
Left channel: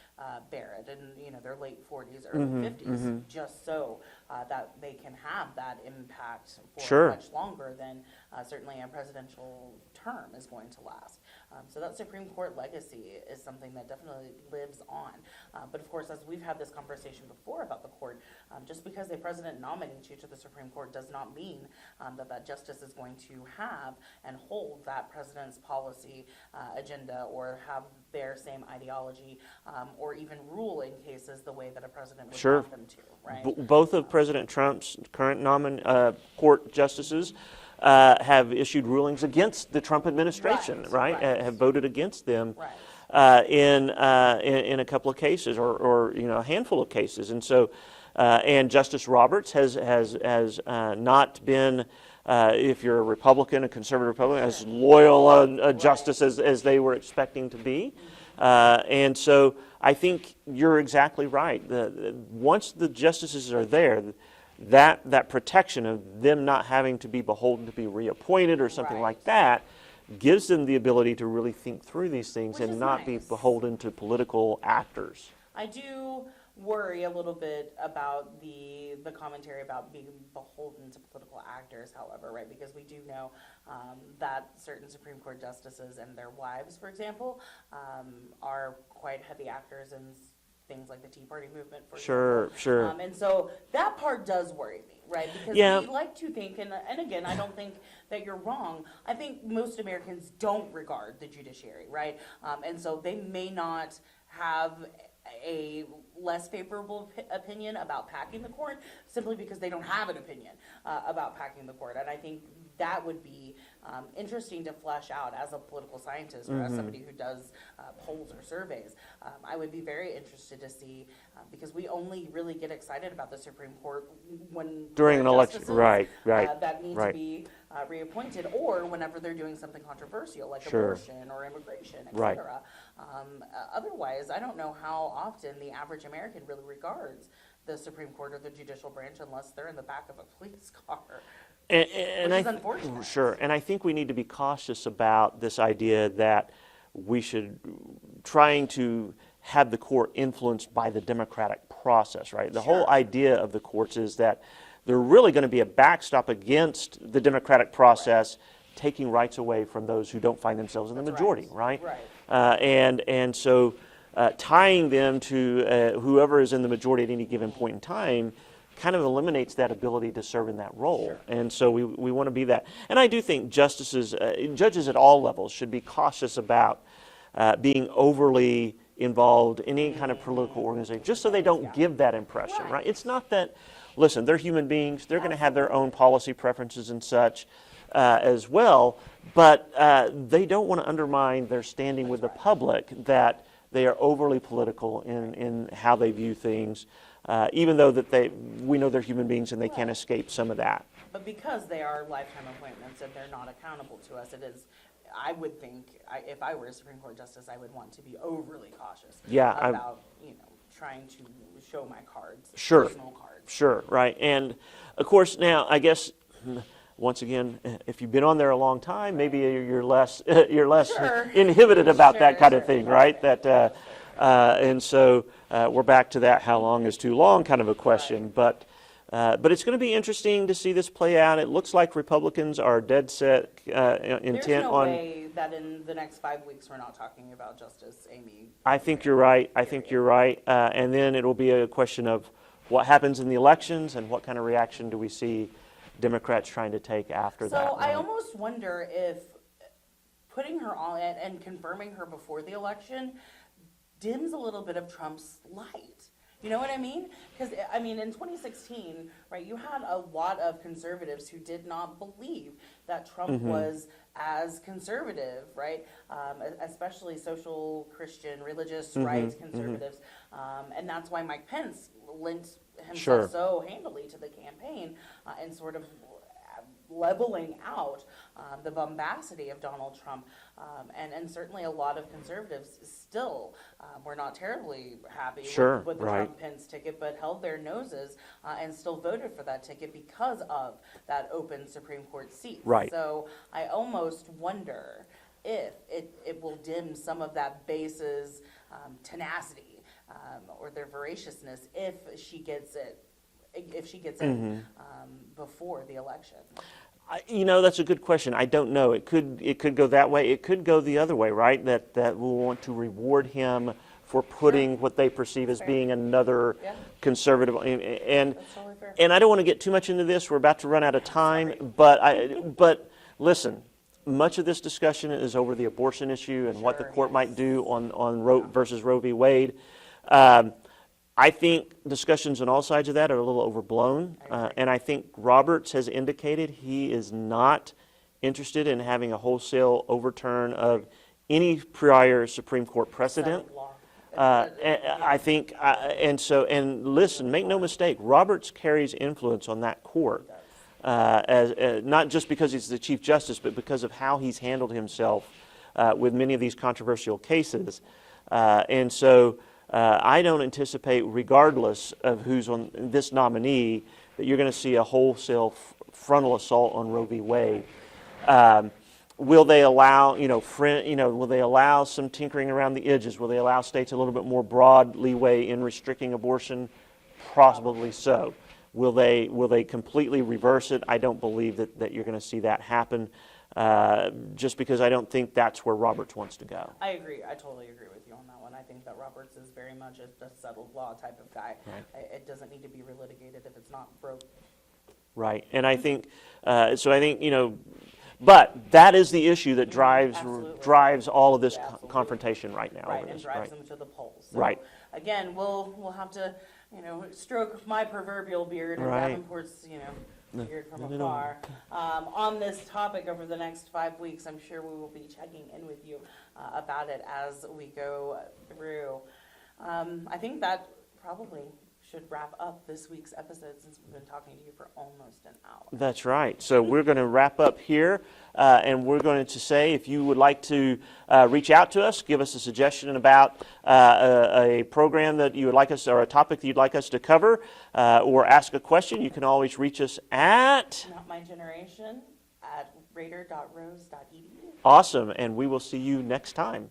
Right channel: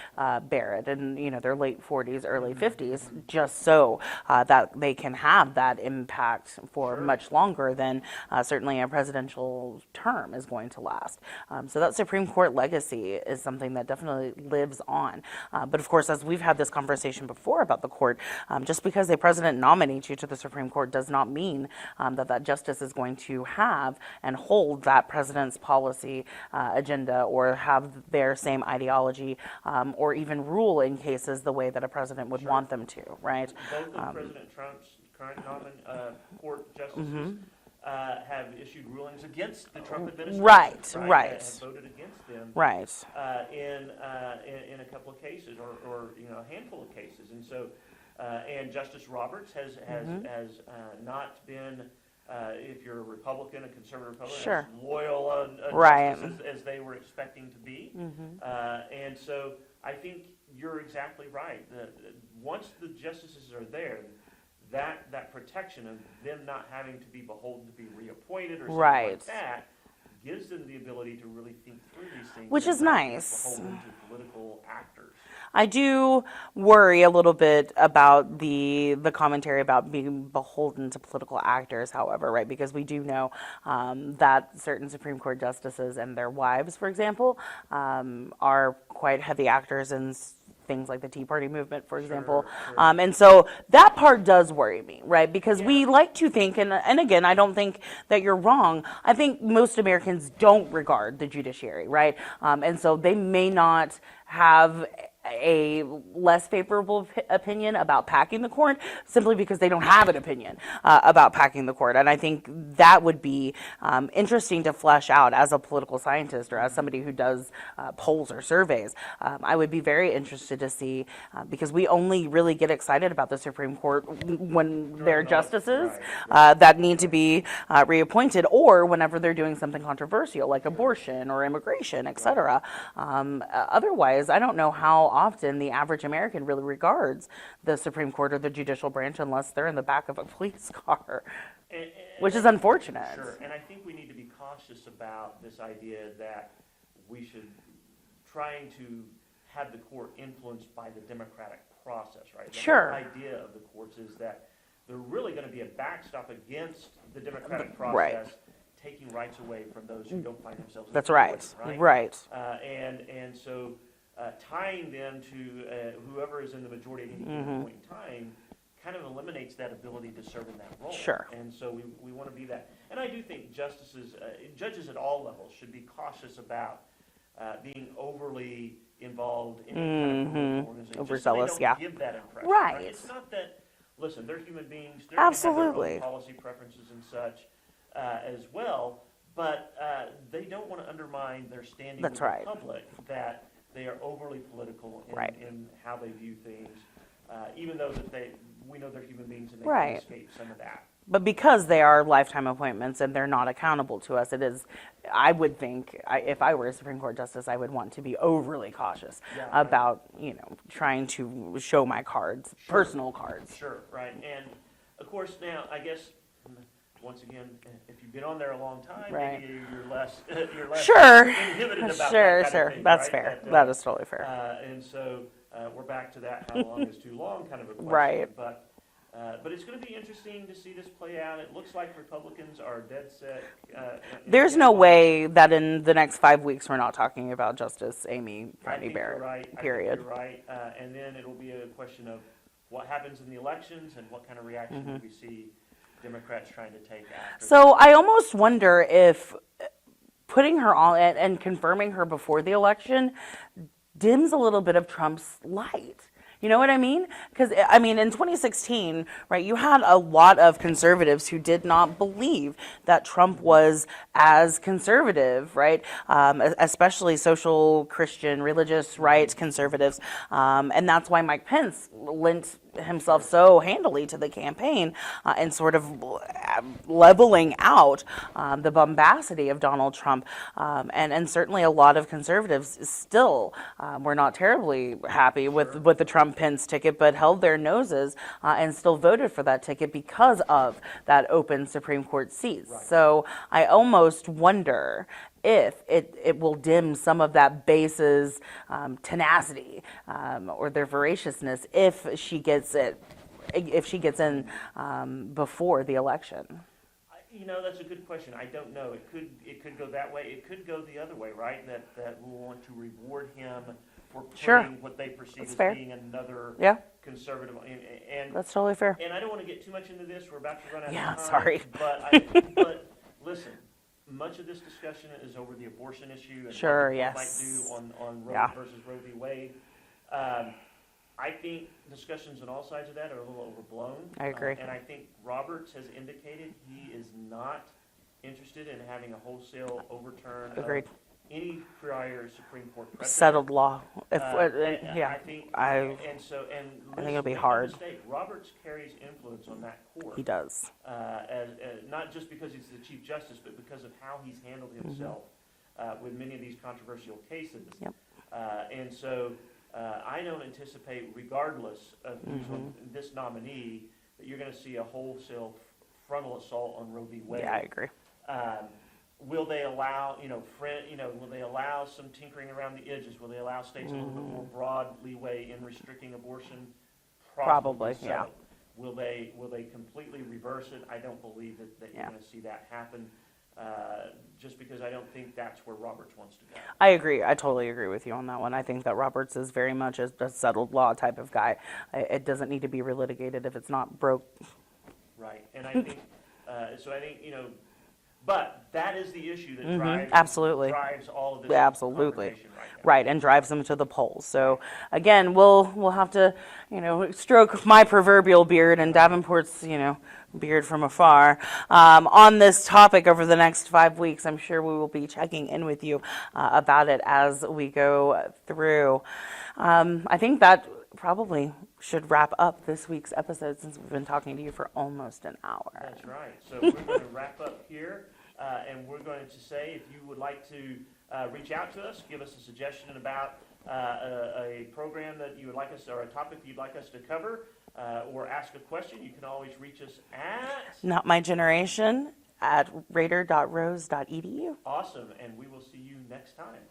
Barrett and their late 40s, early 50s, just so that they can have that impact for Sure. much longer than certainly a presidential term is going to last. So that Supreme Court legacy is something that definitely lives on. But of course, as we've had this conversation before about the court, just because a president nominates you to the Supreme Court does not mean that justice is going to have and hold that president's policy agenda or have their same ideology or even rule in cases the way that a president would Sure. want them to, right? Both of President Trump's current court justices have issued rulings against the Trump administration, Right. Have voted against them Right. in a couple of cases or a handful of cases. And so, and Justice Roberts has not been, if you're a Republican, a conservative Republican, as Sure. loyal a Right. justice as they were expecting to be. And so I think you're exactly right. Once the justices are there, that protection of them not having to be beholden to be reappointed or something like Right. that gives them the ability to really think through these things Which and is not nice. be beholden to political actors. I do worry a little bit about the commentary about being beholden to political actors, however, right? Because we do know that certain Supreme Court justices and their wives, for example, are quite heavy actors in things like the Tea Party movement, for example. Sure. And so that part does worry me, right? Because Yeah. we like to think, and again, I don't think that you're wrong. I think most Americans don't regard the judiciary, right? And so they may not have a less favorable opinion about packing the court simply because they don't have an opinion about packing the court. And I think that would be interesting to flesh out as a political scientist or as somebody who does polls or surveys. I would be very interested to see because we only really get excited about the Supreme Court when During they're an election. justices Right. that need to Right. be reappointed or whenever they're doing something controversial like abortion or immigration, et cetera. Otherwise, I don't know how often the average American really regards the Supreme Court or the judicial branch unless they're in the back of a police car, which is unfortunate. Sure, and I think we need to be cautious about this idea that we should trying to have the court influenced by the democratic process, right? The Sure. whole idea of the courts is that they're really going to be a backstop against the democratic process, taking rights away from those who don't find themselves in That's the majority, right. right? Right. And so tying them to whoever is in the majority at any given point in time kind of eliminates that ability to serve in that role. Sure. And so we want to be that. And I do think judges at all levels should be cautious about being overly involved in any kind of political organization, just so they Overzealous, don't yeah. give that impression, Right. right? It's not that, listen, they're human beings. They're going to have their own Absolutely. policy preferences and such as well, but they don't want to undermine their standing That's with right. the public that they are overly political Right. in how they view things, even though that we know they're human beings and they can Right. escape some of that. But because they are lifetime appointments and they're not accountable to us, it is, I would think, if I were a Supreme Court justice, I would want to be overly cautious Yeah, about, trying to show my cards, Sure. personal cards. Sure, right. And of course, now I guess once again, if you've been on there a long time, maybe you're less Sure. inhibited about that kind Sure. of thing, That's right? fair. That is totally fair. And so we're back to that how long is too long kind of a question. Right. But it's going to be interesting to see this play out. It looks like Republicans are dead set. There's no way that in the next 5 weeks we're not talking about Justice Amy. I think you're right. I think period. you're right. And then it'll be a question of what happens in the elections and what kind of reaction do we see Democrats trying to take after that. So I almost wonder if putting her on and confirming her before the election dims a little bit of Trump's light. You know what I mean? Because, I mean, in 2016, right, you had a lot of conservatives who did not believe that Trump was as conservative, right? Especially social, Christian, religious rights conservatives. And that's why Mike Pence lent himself so handily to the campaign and sort of leveling out the bombacity of Donald Trump. And certainly a lot of conservatives still were not terribly happy with the Trump Pence ticket, but held their noses and still voted for that ticket because of that open Supreme Court seat. Right. So I almost wonder if it will dim some of that base's tenacity or their voraciousness if she gets in before the election. You know, that's a good question. I don't know. It could go that way. It could go the other way, right? That we'll want to reward him for putting what they perceive as being another conservative. And that's totally fair. And I don't want to get too much into this. We're about to run out of time. Sorry. But listen, much of this discussion is over the abortion issue and what the court might do on Roe versus Roe v. Wade. I think discussions on all sides of that are a little overblown. I agree. And I think Roberts has indicated he is not interested in having a wholesale overturn of any prior Supreme Court precedent. Settled law. I think, and listen, make no mistake, Roberts carries influence on that court. He does. Not just because he's the Chief Justice, but because of how he's handled himself with many of these controversial cases. And so I don't anticipate, regardless of who's on this nominee, that you're going to see a wholesale frontal assault on Roe v. Wade. I agree. Will they allow, will they allow some tinkering around the edges? Will they allow states a little bit more broad leeway in restricting abortion? Probably so. Will they completely reverse it? I don't believe that you're going to see that happen. Just because I don't think that's where Roberts wants to go. I agree. I totally agree with you on that one. I think that Roberts is very much a settled law type of guy. It doesn't need to be relitigated if it's not broke. Right. And I think, but that is the issue that drives all of this confrontation right now. Right, and drives them to the polls. So again, we'll have to, stroke my proverbial beard and Davenport's, beard from afar on this topic over the next 5 weeks. I'm sure we will be checking in with you about it as we go through. I think that probably should wrap up this week's episode since we've been talking to you for almost an hour. That's right. So we're going to wrap up here, and we're going to say if you would like to reach out to us, give us a suggestion about a program that you would like us, or a topic that you'd like us to cover, or ask a question, you can always reach us at notmygeneration@raider.rose.edu. Awesome, and we will see you next time.